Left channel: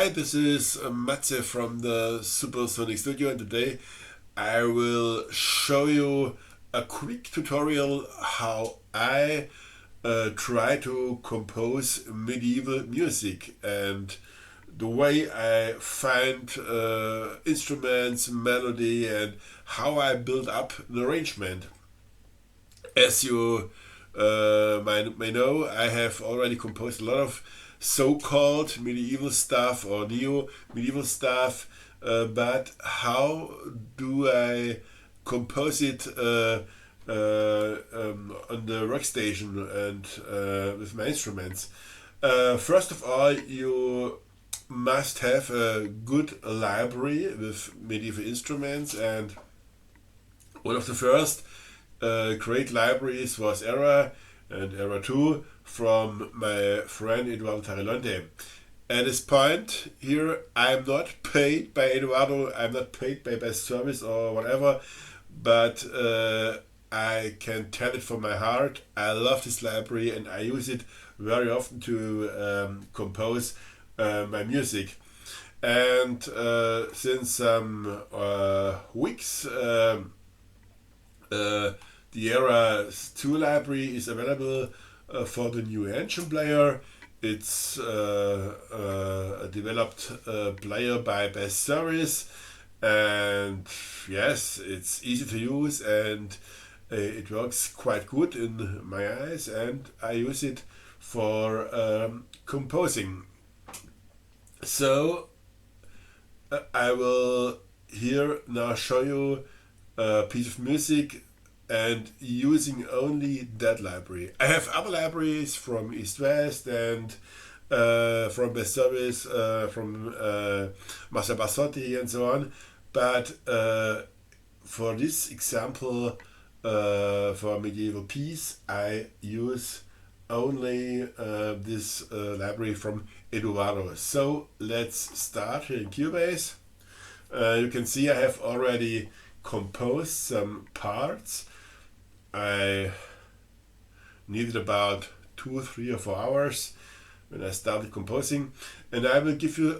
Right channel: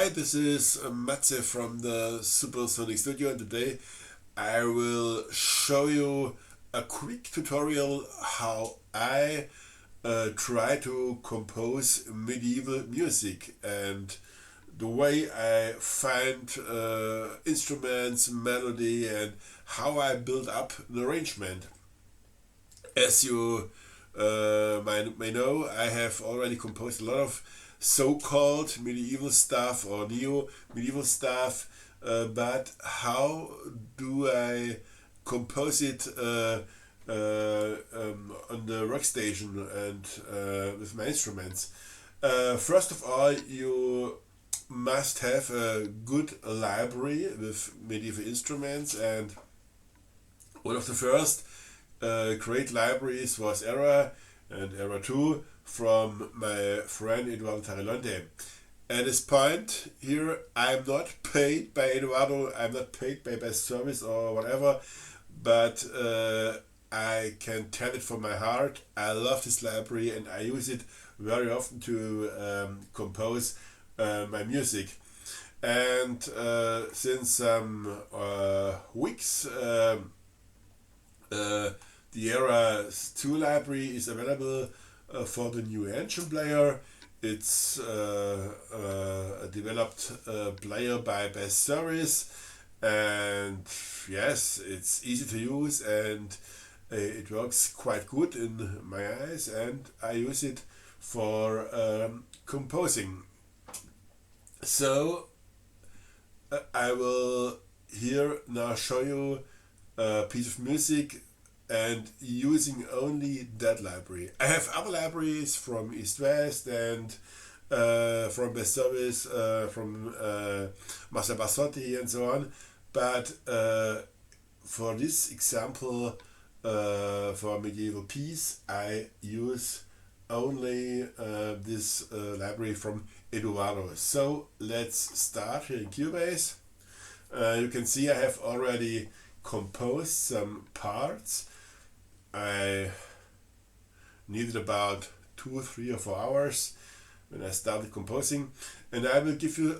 Hi, this is Matze from the Supersonic Studio, and today I will show you a quick tutorial how I try to compose medieval music and the way I find instruments, melody, and how I build up an arrangement. As you may know, I have already composed a lot of so-called medieval stuff or neo-medieval stuff, but how do I compose it on the workstation and with my instruments? First of all, you must have a good library with medieval instruments, and one of the first great libraries was Era and Era 2 from my friend Eduardo Tarilonte. At this point here, I'm not paid by Eduardo, I'm not paid by Bestservice or whatever, but I can tell it from my heart. I love this library and I use it very often to compose my music. And since some weeks, the Era 2 library is available for the new engine player. It's a developed player by Bestservice, and yes, it's easy to use and it works quite good in my eyes, and I use it for composing. So I will here now show you a piece of music and using only that library. I have other libraries from East West and from Best Service, from Marcel Bassotti and so on, but for this example, for medieval piece, I use only this library from Eduardo. So let's start here in Cubase. You can see I have already composed some parts. I needed about 2, 3 or 4 hours when I started composing, and I will give you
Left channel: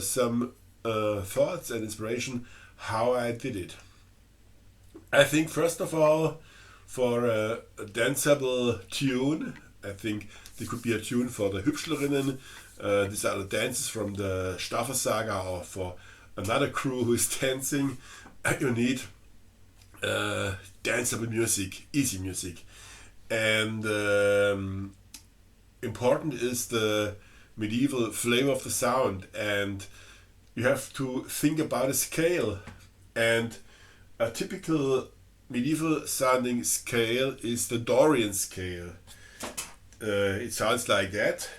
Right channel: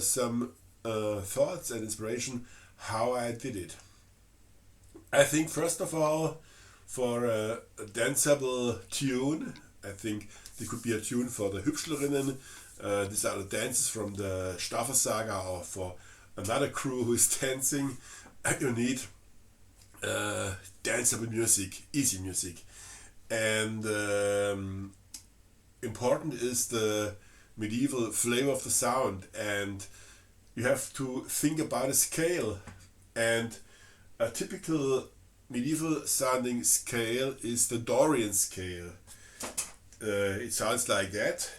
some thoughts and inspiration how I did it. I think first of all, for a danceable tune, I think there could be a tune for the Hübschlerinnen. These are the dances from the Staffel Saga, or for another crew who is dancing. You need danceable music, easy music, and important is the medieval flavor of the sound, and you have to think about a scale, and a typical medieval sounding scale is the Dorian scale. It sounds like that.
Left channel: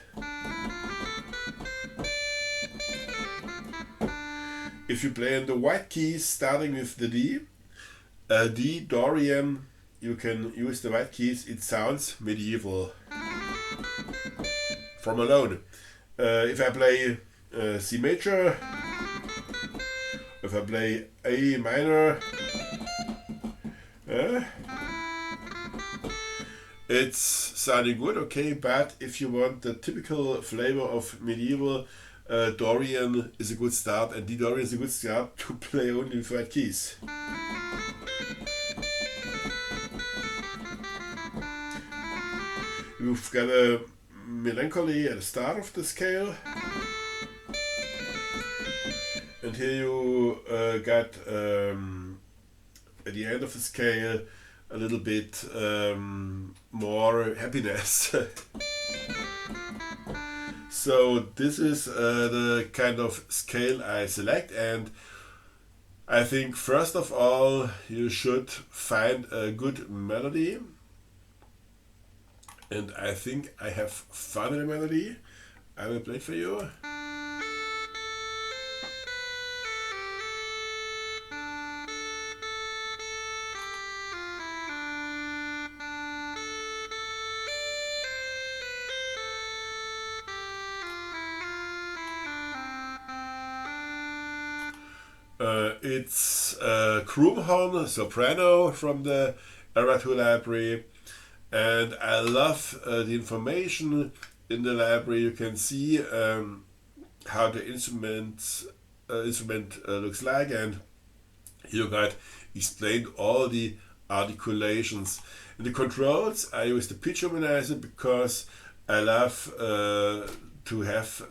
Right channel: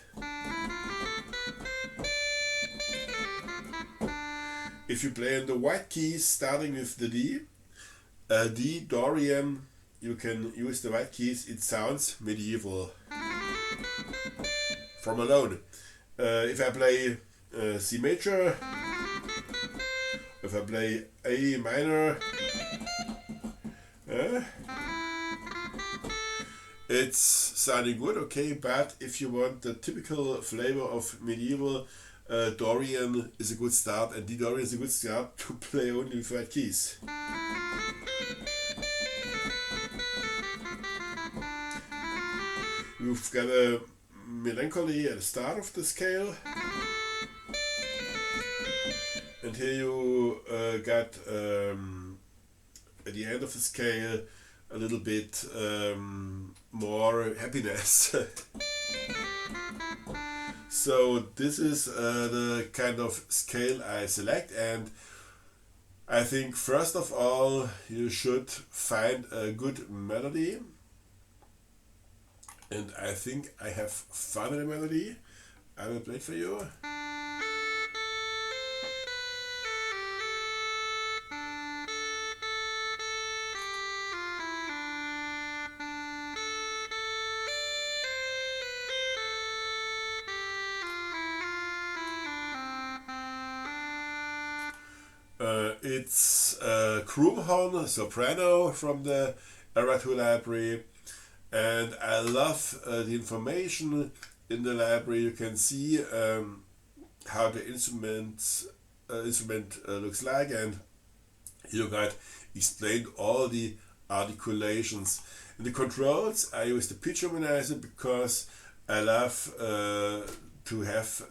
If you play on the white keys starting with the D, D Dorian, you can use the white keys, it sounds medieval from alone. If I play C major, if I play A minor, it's sounding good, okay, but if you want the typical flavor of medieval, Dorian is a good start, and D Dorian is a good start to play only with white keys. You've got a melancholy at the start of the scale, and here you got at the end of the scale a little bit more happiness. So this is the kind of scale I select, and I think first of all you should find a good melody, and I think I have found a melody. I will play it for you. It's a Krumhorn soprano from the Era 2 library, and I love the information in the library. You can see how the instrument looks like, and you got explained all the articulations. In the controls, I use the pitch harmonizer because I love to have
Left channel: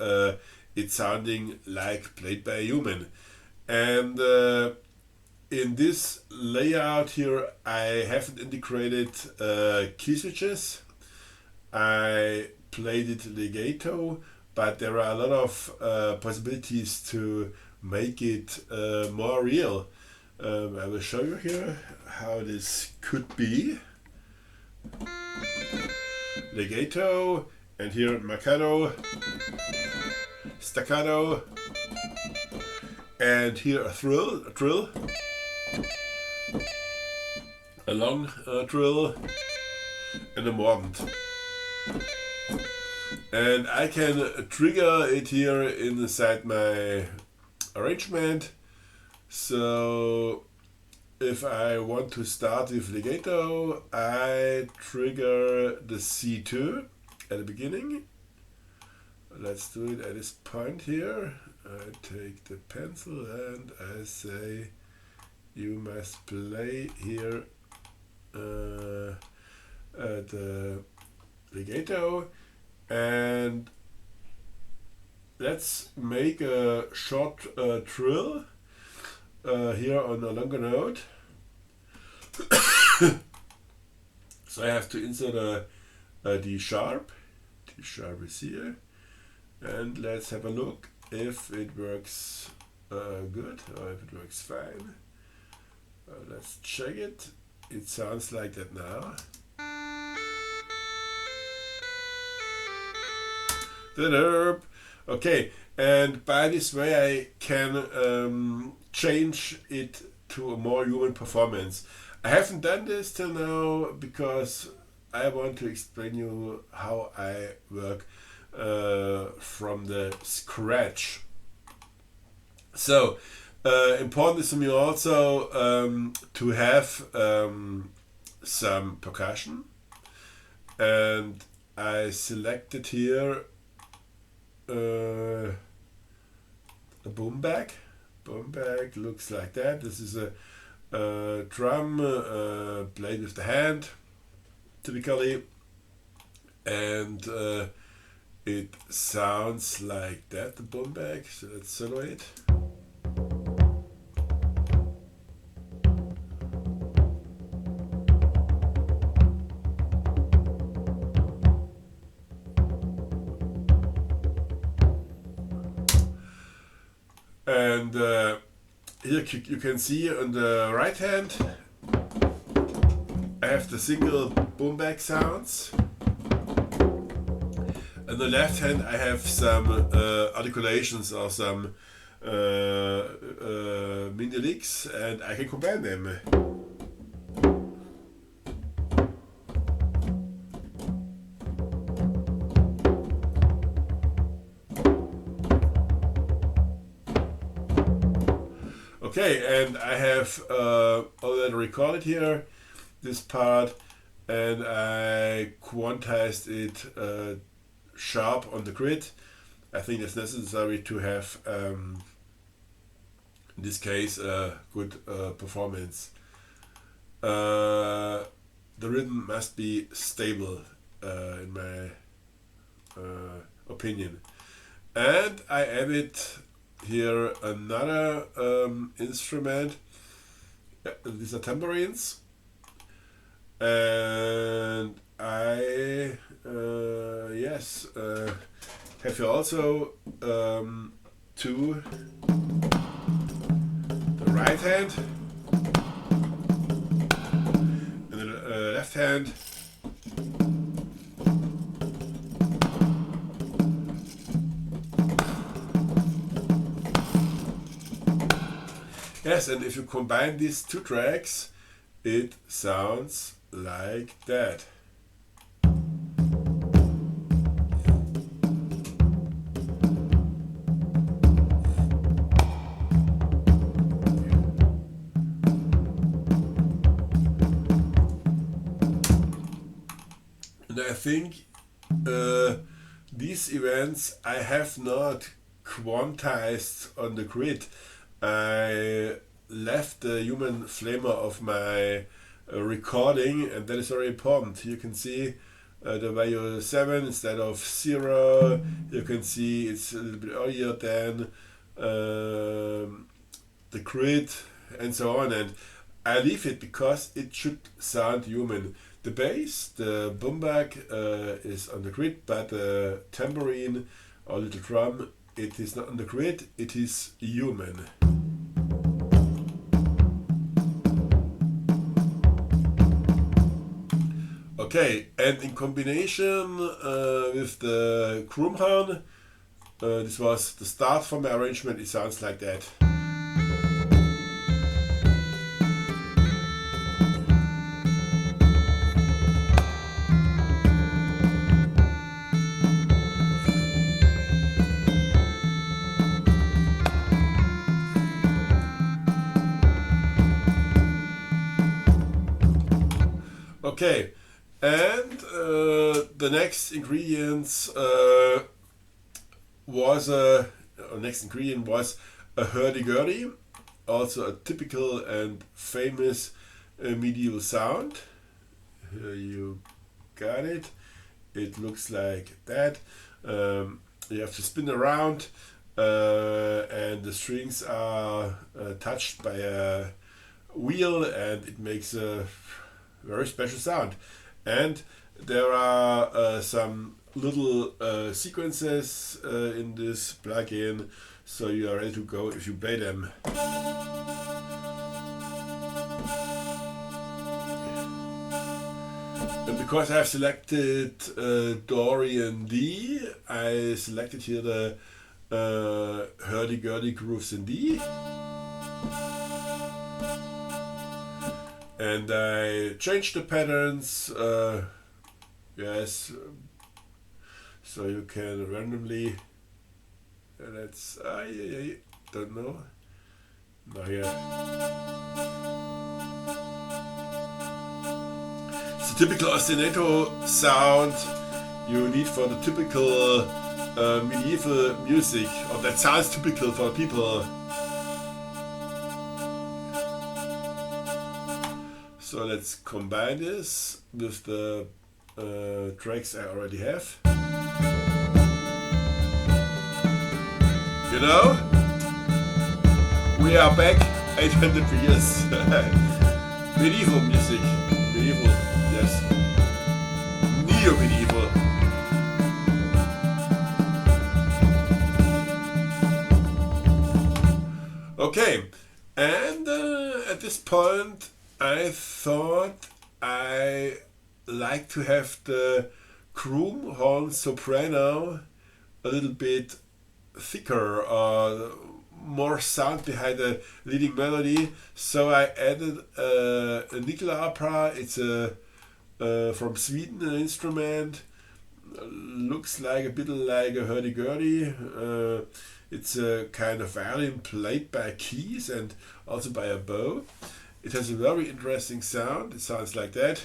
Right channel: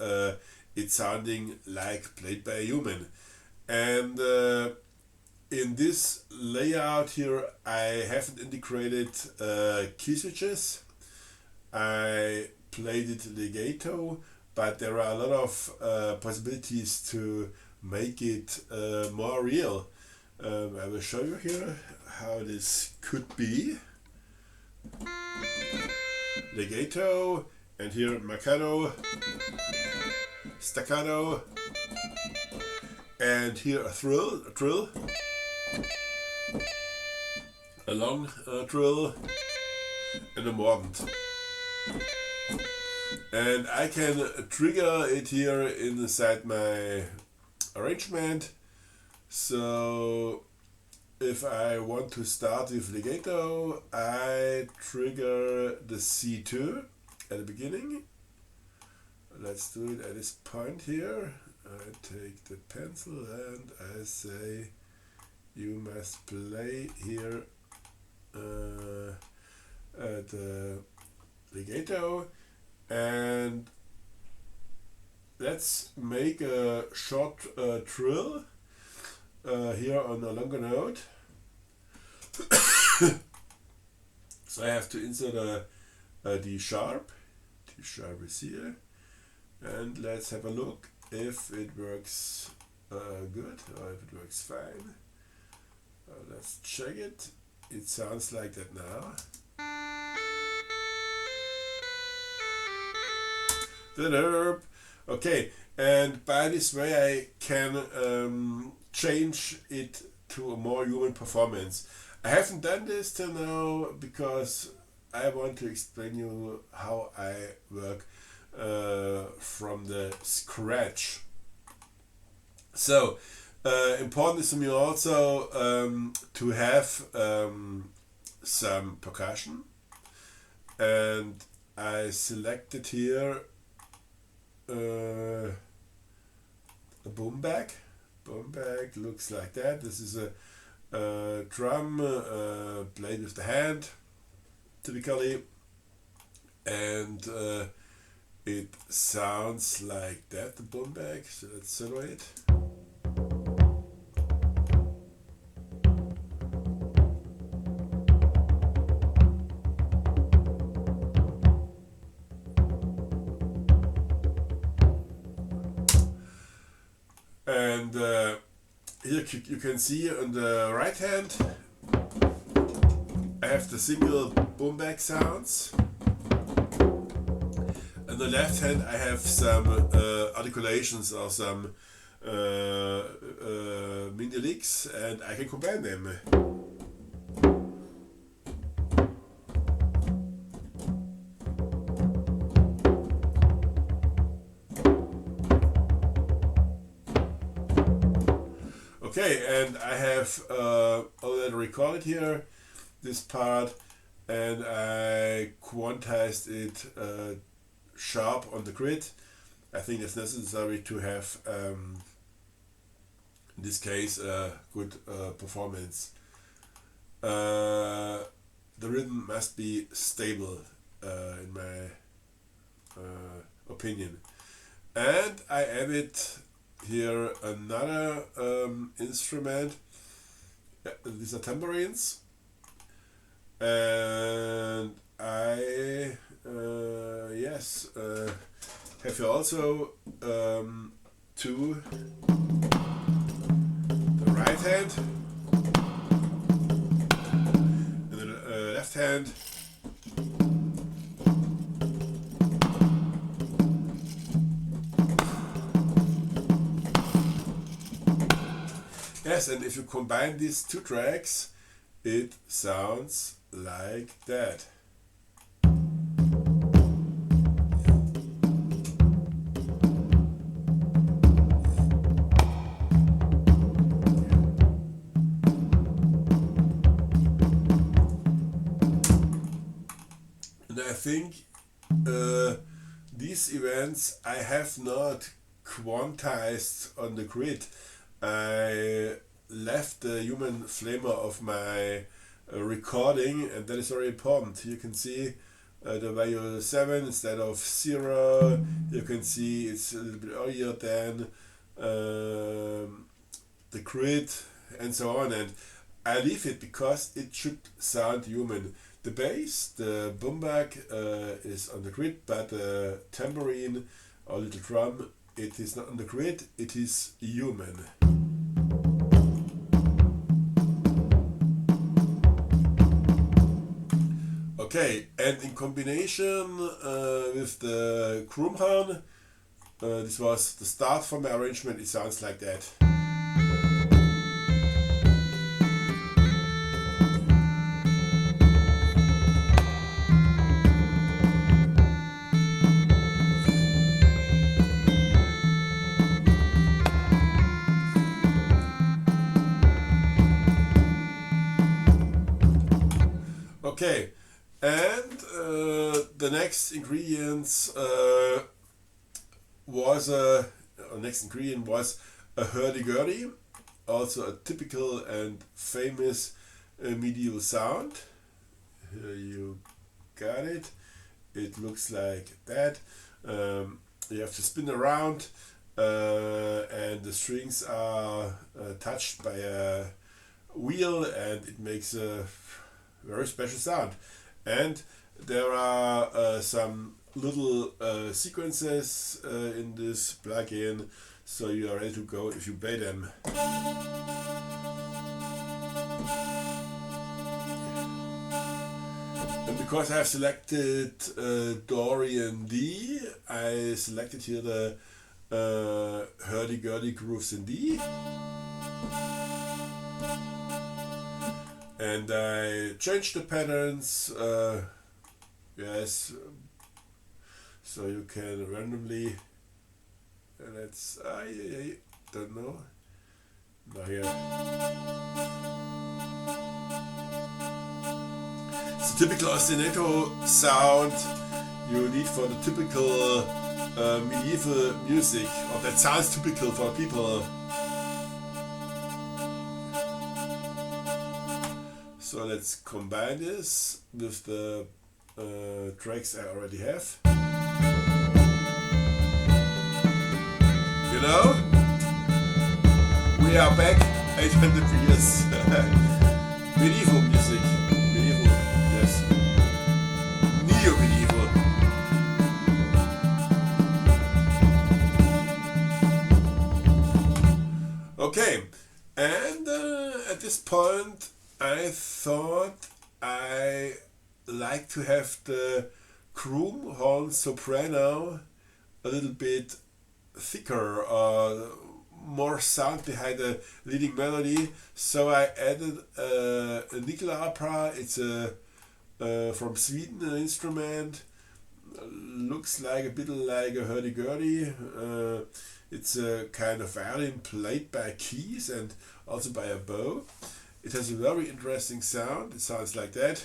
it sounding like played by a human. And in this layout here, I haven't integrated key switches. I played it legato, but there are a lot of possibilities to make it more real. I will show you here how this could be. Legato, and here marcato, staccato, and here a trill, a long trill, and a mordant. And I can trigger it here inside my arrangement. So if I want to start with legato, I trigger the C2 at the beginning. Let's do it at this point here. I take the pencil and I say you must play here the legato, and let's make a short trill here on a longer note. So I have to insert a D sharp. D sharp is here, and let's have a look if it works good or if it works fine. Let's check it. It sounds like that now. Okay, and by this way I can change it to a more human performance. I haven't done this till now because I want to explain you how I work from the scratch. So important is for me also to have some percussion, and I selected here a boom bag. Boom bag looks like that. This is a drum played with the hand typically, and it sounds like that, the boom bag. So let's solo it. And here you can see on the right hand I have the single boom bag sounds. On the left hand I have some articulations or some mini licks, and I can combine them. Okay, and I have already recorded here this part, and I quantized it sharp on the grid. I think it's necessary to have, in this case, a good performance. The rhythm must be stable, in my opinion. And I added here another instrument. These are tambourines, and I have here also two right hand and the left hand. Yes, and if you combine these two tracks, it sounds like that. And I think these events I have not quantized on the grid. I left the human flamer of my recording, and that is very important. You can see the value 7 instead of 0. You can see it's a little bit earlier than the grid, and so on. And I leave it because it should sound human. The bass, the boom bag is on the grid, but the tambourine or little drum, it is not on the grid, it is human. Okay, and in combination with the Krumhorn, this was the start for my arrangement, it sounds like that. Okay, and the next ingredients was a hurdy-gurdy, also a typical and famous medieval sound. Here you got it. It looks like that. You have to spin around, and the strings are touched by a wheel, and it makes a very special sound. And there are some little sequences in this plugin, so you are ready to go if you play them. And because I have selected Dorian D, I selected here the hurdy-gurdy grooves in D. And I changed the patterns, yes, so you can randomly, let's, I don't know, it's a typical ostinato sound you need for the typical medieval music, or that sounds typical for people. So let's combine this with the tracks I already have. You know, we are back at the previous medieval music. Medieval. Okay, and at this point I thought I like to have the Krumhorn soprano a little bit thicker, or more sound behind the leading melody, so I added a nickel opera. It's a from Sweden, an instrument, looks like a bit like a hurdy-gurdy. It's a kind of violin played by keys and also by a bow. It has a very interesting sound. It sounds like that.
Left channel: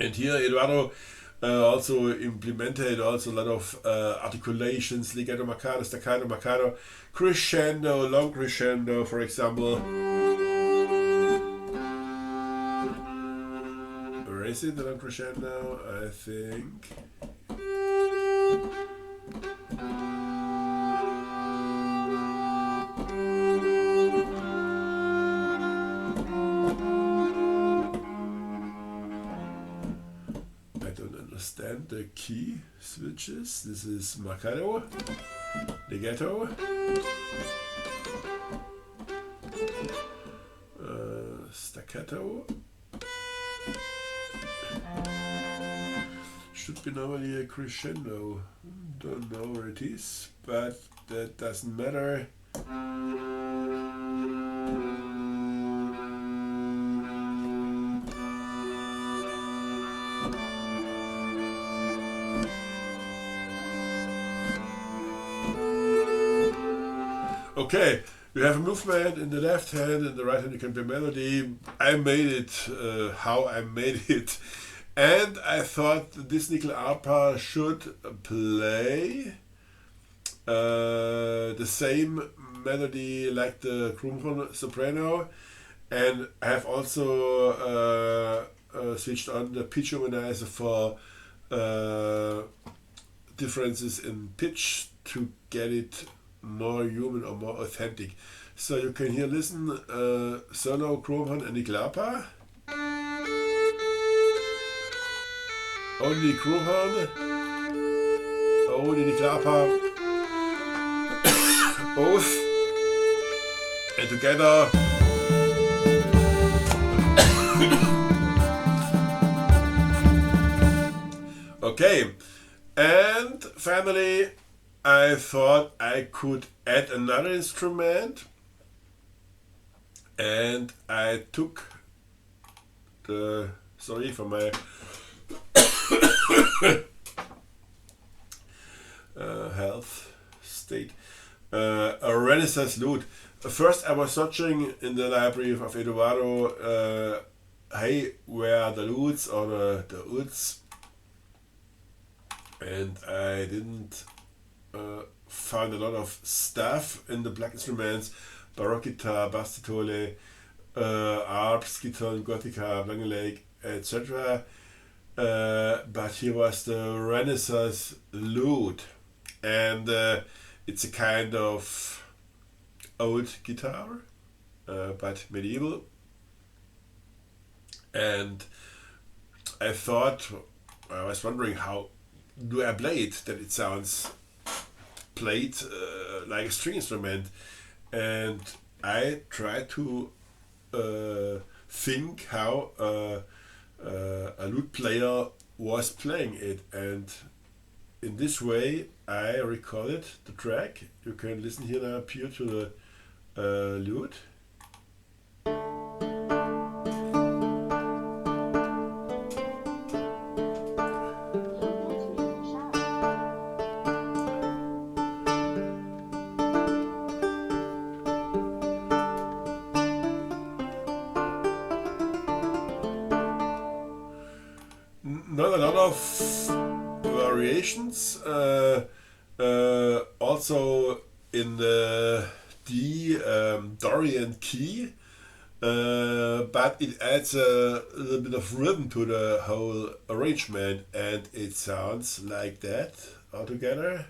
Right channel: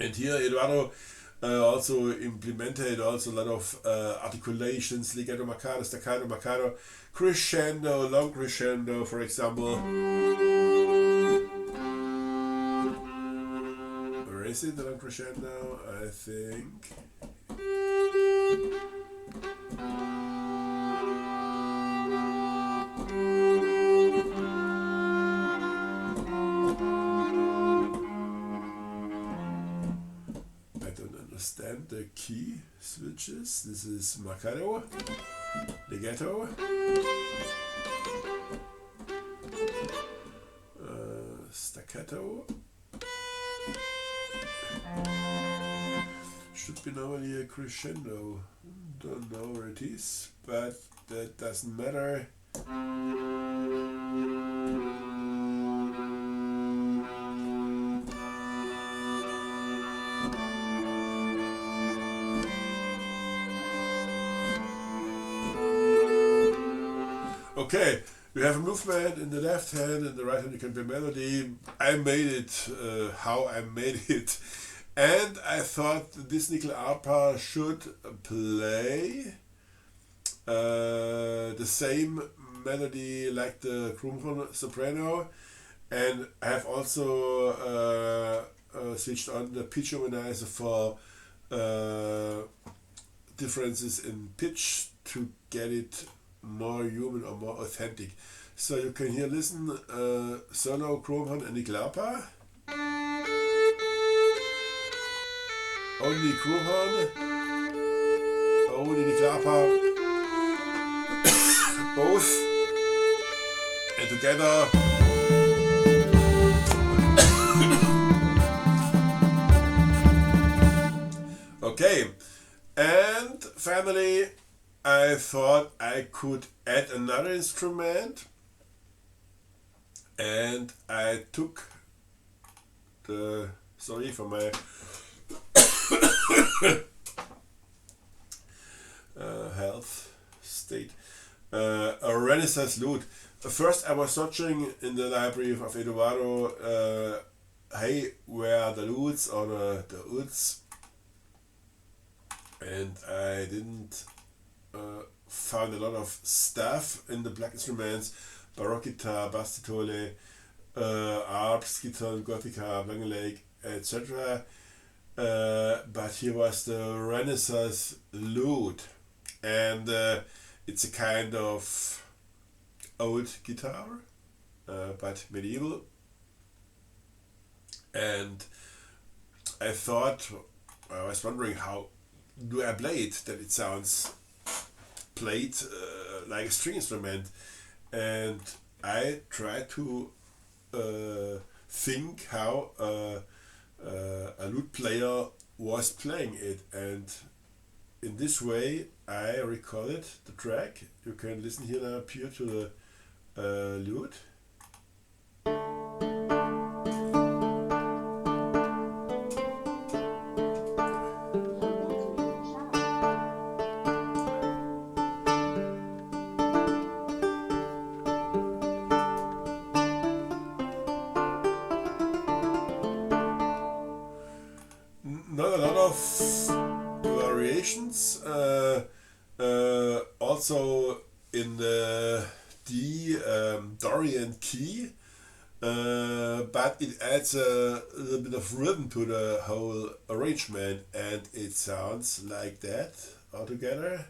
And here Eduardo also implemented also a lot of articulations, legato marcato, staccato marcato, crescendo, long crescendo, for example. Where is it, the long crescendo? I think. The key switches. This is marcato, legato, staccato. Should be normally a crescendo. Don't know where it is, but that doesn't matter. have a movement in the left hand, in the right hand you can play melody. I made it how I made it. And I thought this nickel arpa should play the same melody like the Krummhorn soprano, and I have also switched on the pitch organizer for differences in pitch to get it more human or more authentic. So you can here listen solo Krummhorn and nickel arpa. Only Krummhorn, only nickel arpa, both, and together. Okay, and finally I thought I could add another instrument, and I took the, sorry for my health state, a Renaissance lute. First I was searching in the library of Eduardo, hey, where are the lutes or the uds, and I didn't find a lot of stuff in the black instruments, baroque guitar, bass titole, arps, guitar, gothica, langeleik, etc. But here was the Renaissance lute, and it's a kind of old guitar, but medieval. And I thought, I was wondering how do I play it, that it sounds played like a string instrument, and I tried to think how a lute player was playing it, and in this way I recorded the track. You can listen here now pure to the lute. Not a lot of variations. Also in the D Dorian key, but it adds a little bit of rhythm to the whole arrangement, and it sounds like that altogether.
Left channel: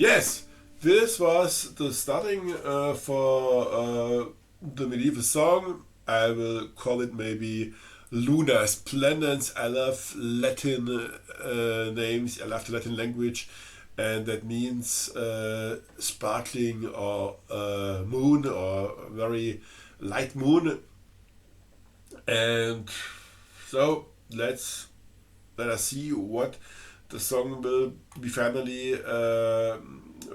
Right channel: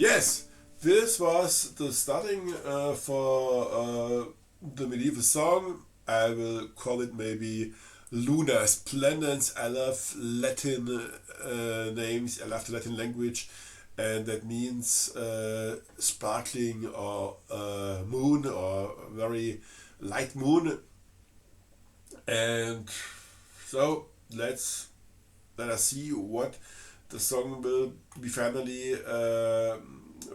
Yes, this was the starting for the medieval song. I will call it maybe Luna Splendens. I love Latin names, I love the Latin language, and that means sparkling or moon or very light moon. And so let us see what the song will be finally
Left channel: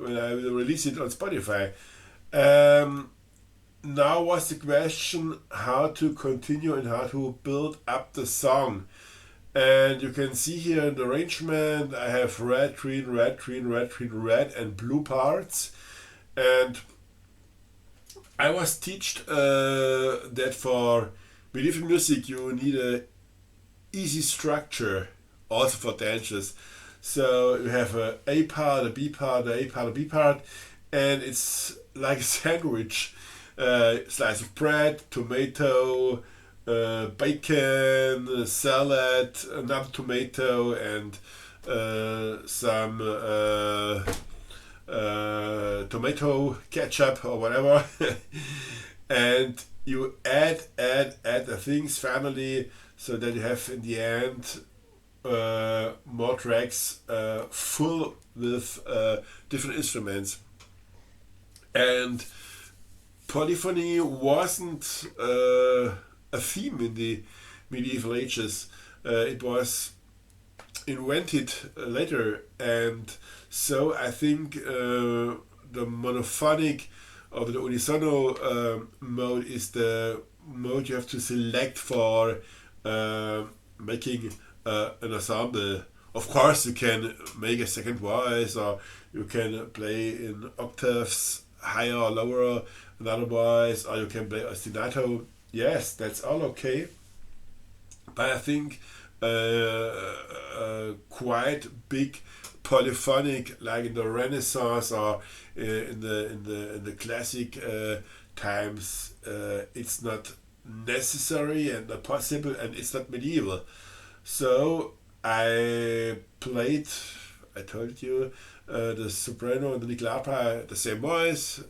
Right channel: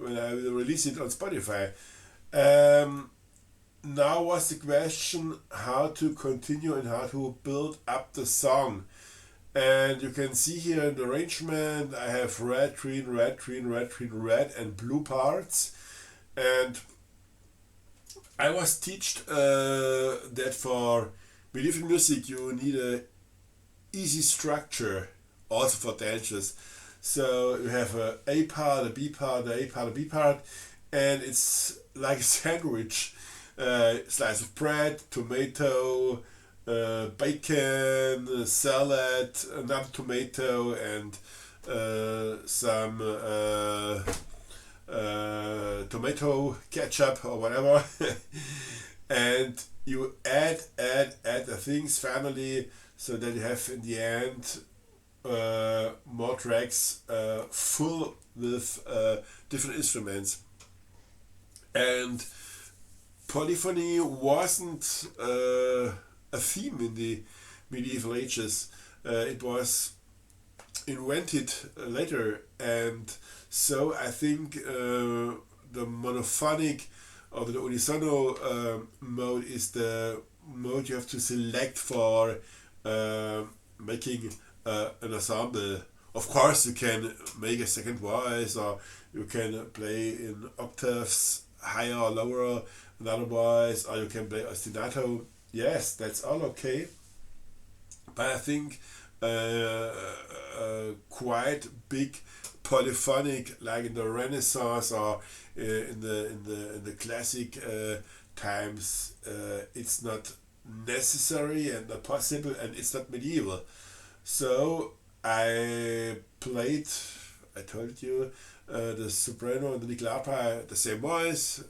when I will release it on Spotify. Now was the question how to continue and how to build up the song. And you can see here in the arrangement I have red, green, red, green, red, green, red and blue parts. And I was taught that for medieval music you need a easy structure also for dances. So you have a part, a B part, a part, a B part, and it's like a sandwich. Slice of bread, tomato, bacon, salad, another tomato, and some tomato ketchup or whatever. And you add the things finally, so that you have in the end more tracks full with different instruments. And polyphony wasn't a theme in the medieval ages. It was invented later, and so I think the monophonic or the unisono mode is the mode you have to select for making an ensemble. Of course, you can make a second voice, or you can play in octaves higher or lower another voice, or you can play ostinato. Yes, that's all okay. But I think quite big polyphonic, like in the Renaissance or in the classic times, it's not necessary and not possible, and it's not medieval. So I played, I told you, the soprano and the nickel opera, the same voice.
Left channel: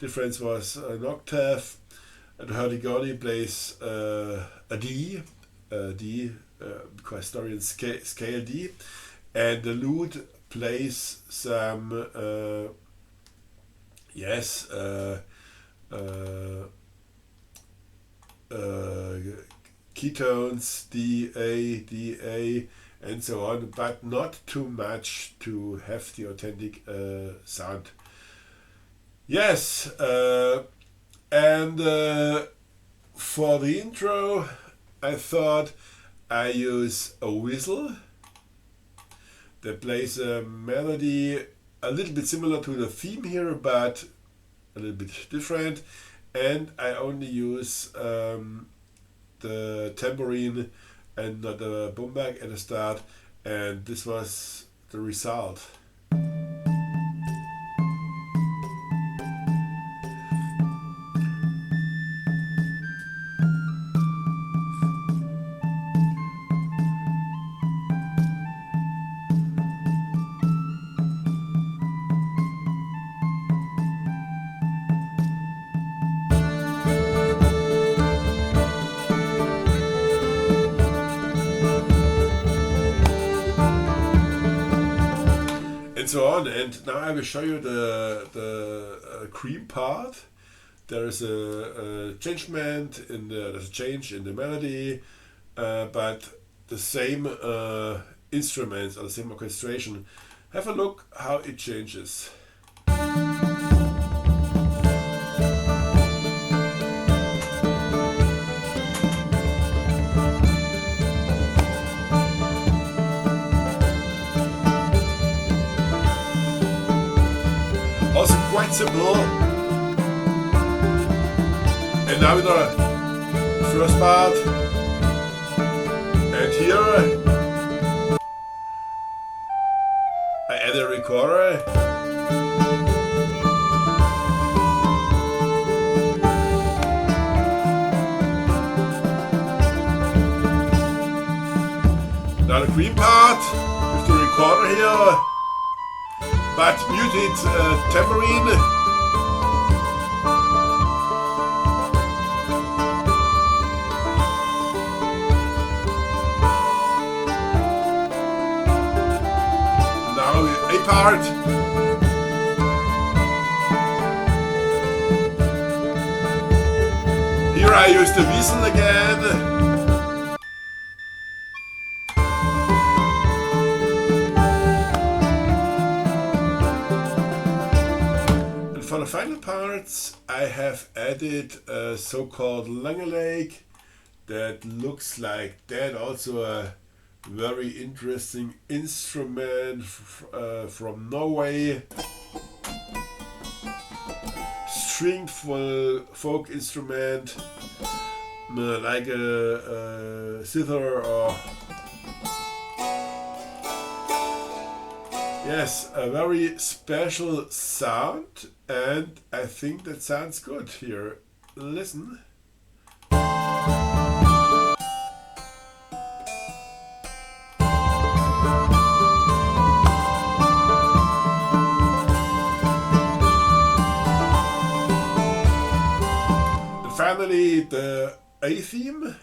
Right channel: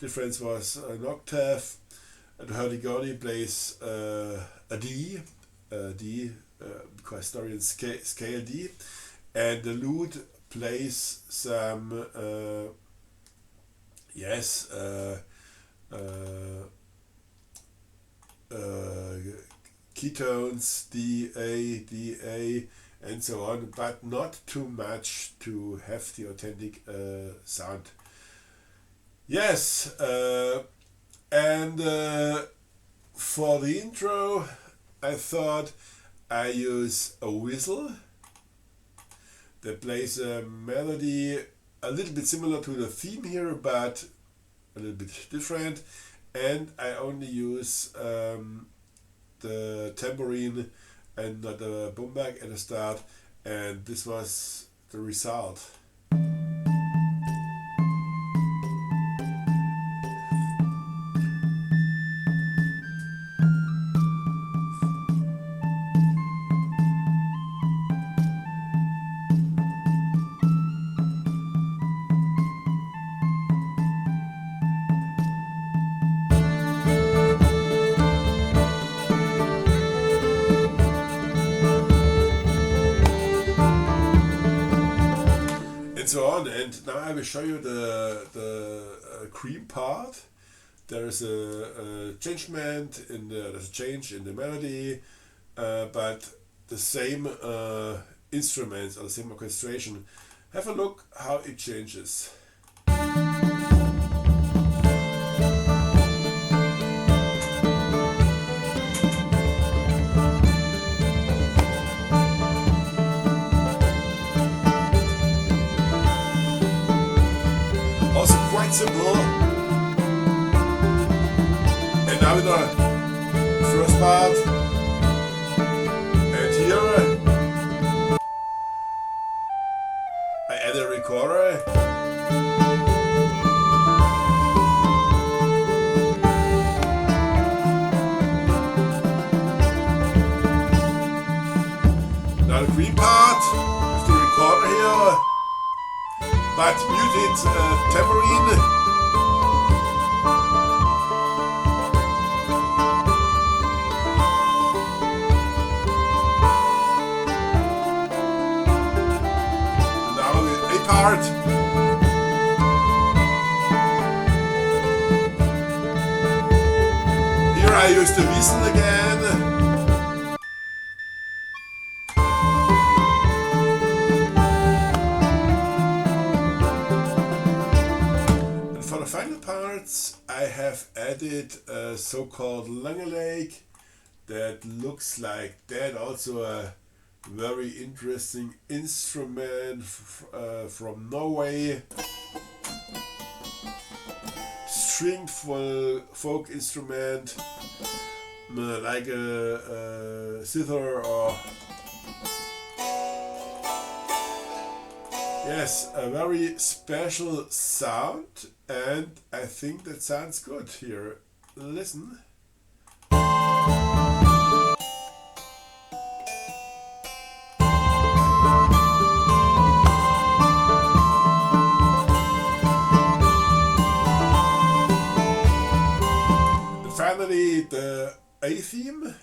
Difference was an octave, and the hurdy-gurdy plays a D, because historians scale D, and the lute plays some yes keytones D A, and so on, but not too much to have the authentic sound. Yes, and for the intro, I thought I use a whistle that plays a melody a little bit similar to the theme here, but a little bit different. And I only use the tambourine and the bombak at the start, and this was the result. Show you the cream part. There's a changement there's a change in the melody, but the same instruments or the same orchestration. Have a look how it changes. So-called langeleik that looks like that. Also a very interesting instrument from Norway. Stringed folk instrument, like a zither or yes, a very special sound, and I think that sounds good here. Listen. Finally, the A theme.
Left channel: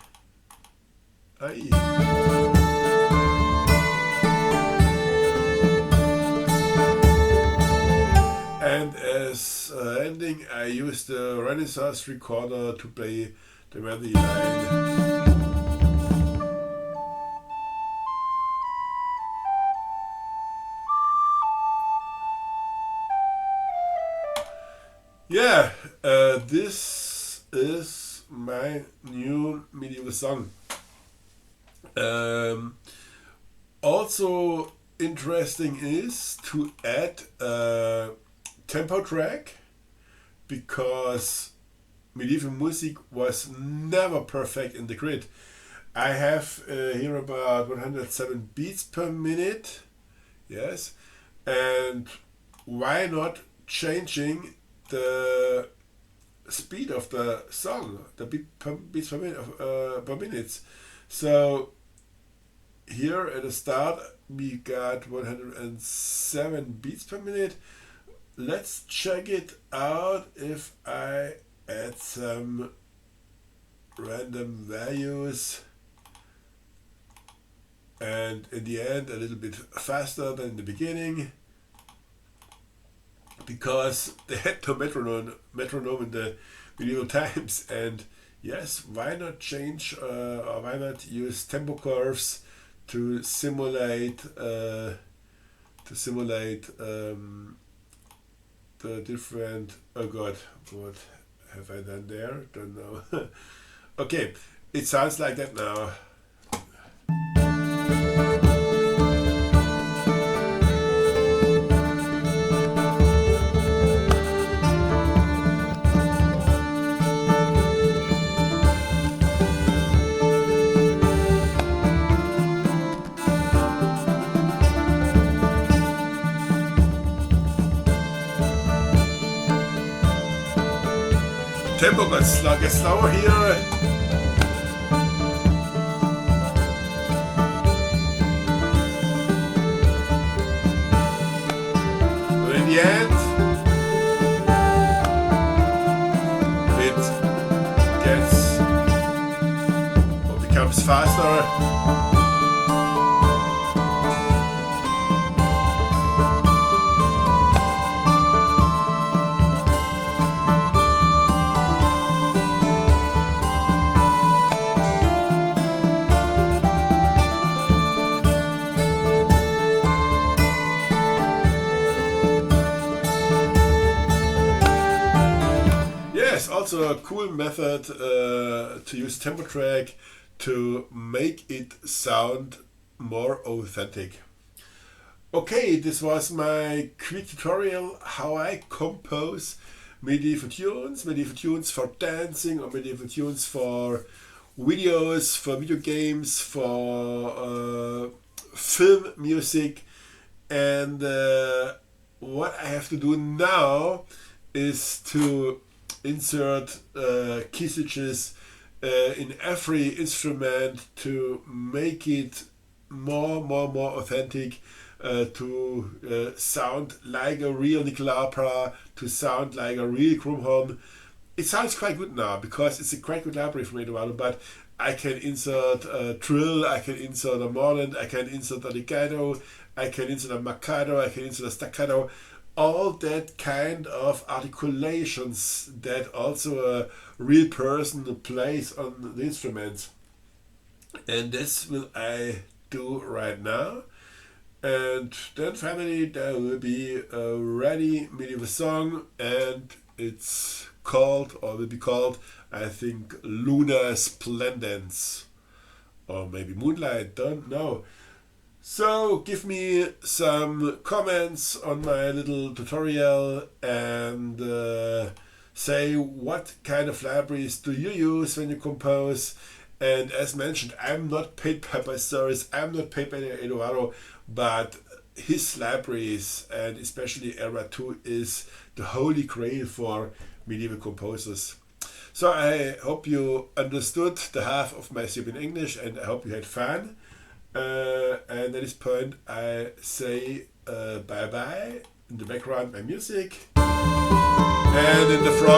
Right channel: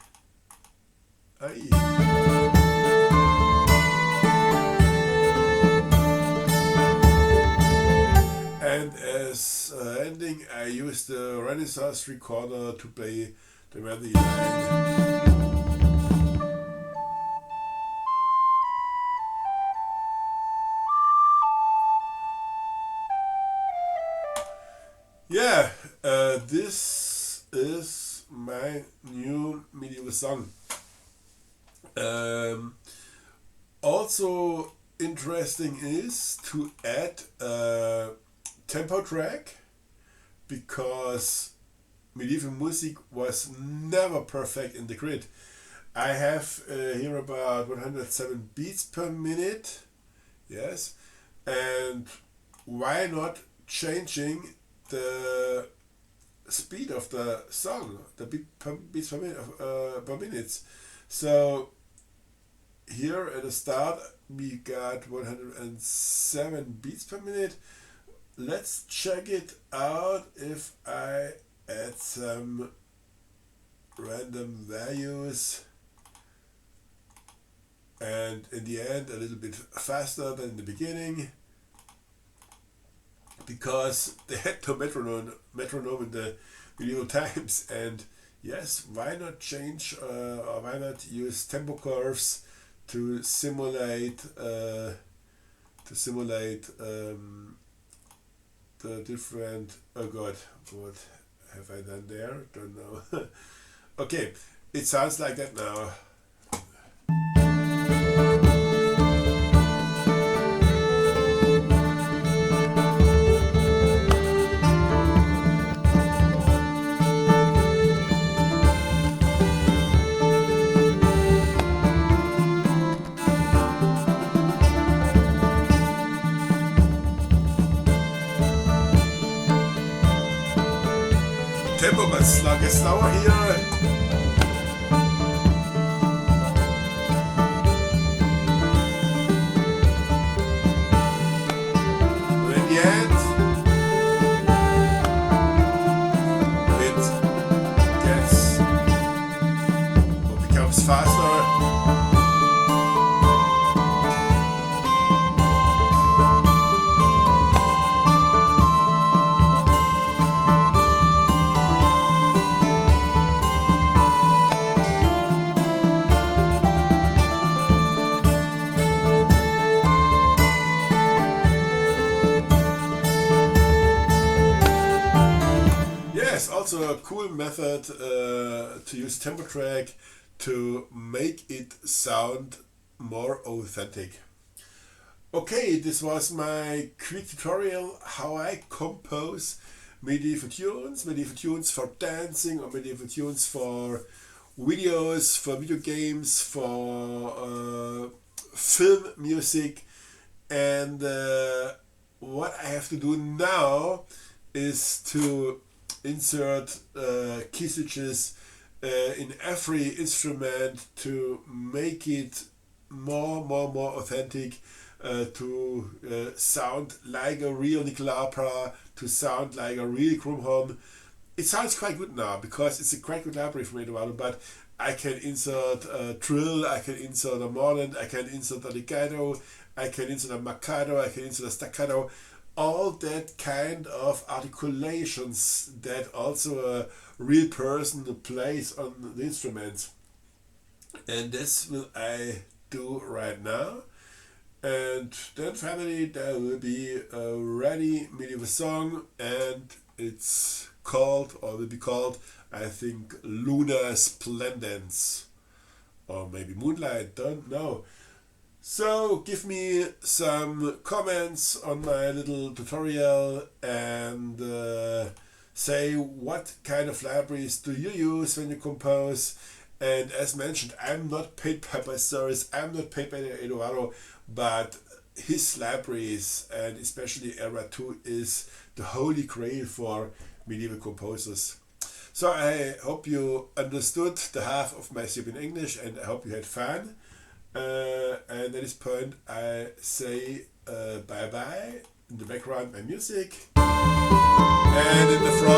And as ending, I used the Renaissance recorder to play the melody. this is my new medieval song. Also interesting is to add a tempo track, because medieval music was never perfect in the grid. I have here about 107 beats per minute, yes, and why not changing the speed of the song, the beats per minute. So here at the start we got 107 beats per minute. Let's check it out if I add some random values, and in the end a little bit faster than in the beginning, because they had no metronome in the medieval times. And yes, why not change or why not use tempo curves to simulate the different, oh god, what have I done there? Don't know. Okay, it sounds like that now. Tempo is slightly slower here. Method to use tempo track to make it sound more authentic. Okay, this was my quick tutorial how I compose medieval tunes for dancing, or medieval tunes for videos, for video games, for film music. And what I have to do now is to insert key switches in every instrument to make it more authentic, to sound like a real nickel opera, to sound like a real Krumhorn. It sounds quite good now because it's a quite good library from Eduardo, but I can insert a trill, I can insert a morland, I can insert a legato, I can insert a marcato, I can insert a staccato. All that kind of articulations that also a real person plays on the instruments. And this will I do right now. And then finally there will be a ready medieval song, and it's called, or will be called, I think, Lunar Splendens. Or maybe Moonlight, don't know. So give me some comments on my little tutorial, and say what kind of libraries do you use when you compose. And as mentioned, I'm not paid by Bestservice, I'm not paid by Eduardo, but his libraries, and especially Era 2, is the holy grail for medieval composers. So I hope you understood the half of my Serbian English, and I hope you had fun. And at this point I say bye bye. In the background my music, and in the front